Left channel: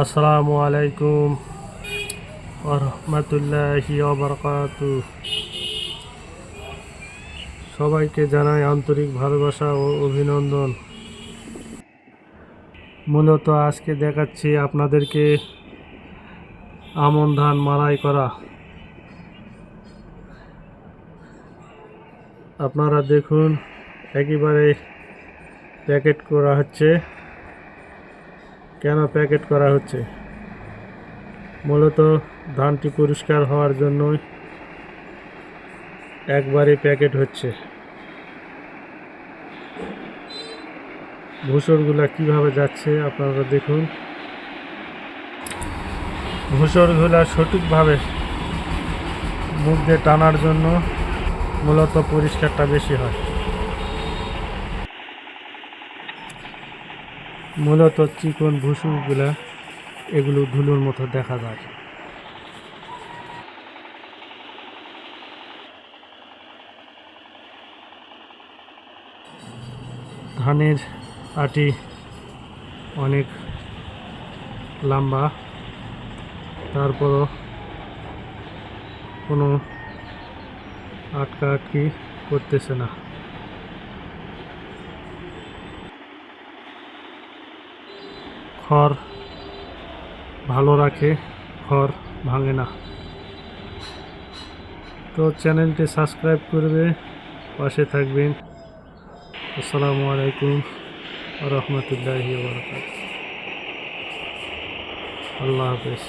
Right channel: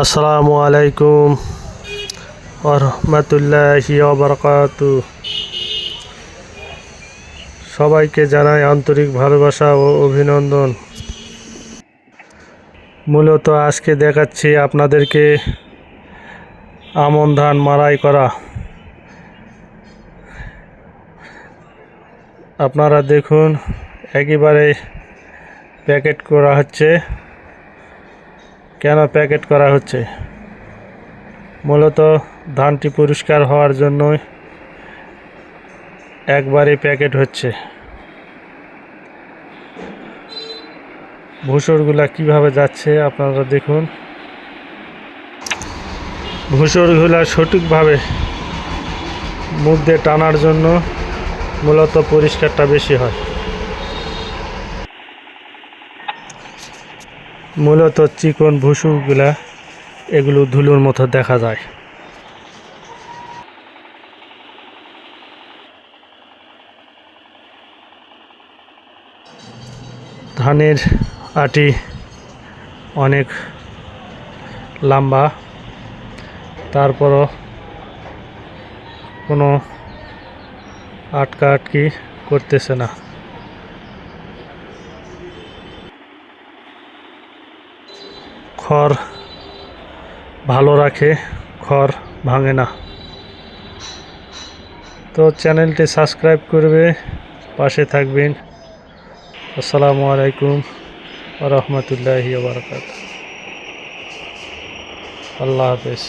আসসালামু আলাইকুম ওয়া রাহমাতুল্লাহি ওয়া বারাকাতুহু। সবাইকে জানাই আন্তরিক ভালোবাসা ও অভিনন্দন। মূলত আজকে দেখাচ্ছি আপনাদেরকে আমন ধান মাড়াই করা। আপনারা দেখুন, একেবারে প্যাকেট করা হচ্ছে। কেন প্যাকেট করা হচ্ছে? মূলত ধানটি পরিষ্কার হওয়ার জন্যই একবারে প্যাকেট হচ্ছে। ভুসরগুলা কিভাবে যাচ্ছে আপনারা দেখুন। ভুসরগুলা সঠিকভাবে মুখ দিয়ে টানার জন্য মূলত পরিষ্কারটা বেশি হয়। মূলত চিকন ভুসুরগুলা এগুলো ধুলোর মতো দেখা যায়। ধানের আটি অনেক লম্বা, তারপরও কোনো আটকি করতেছে না। খড় ভালো রাখে, খড় ভাঙে না। তো চ্যানেলটি সাবস্ক্রাইব করবে, পাশে থাকবেন। আসসালামু আলাইকুম ওয়া রাহমাতুল্লাহি ওয়া বারাকাতুহু। আল্লাহ হাফেজ।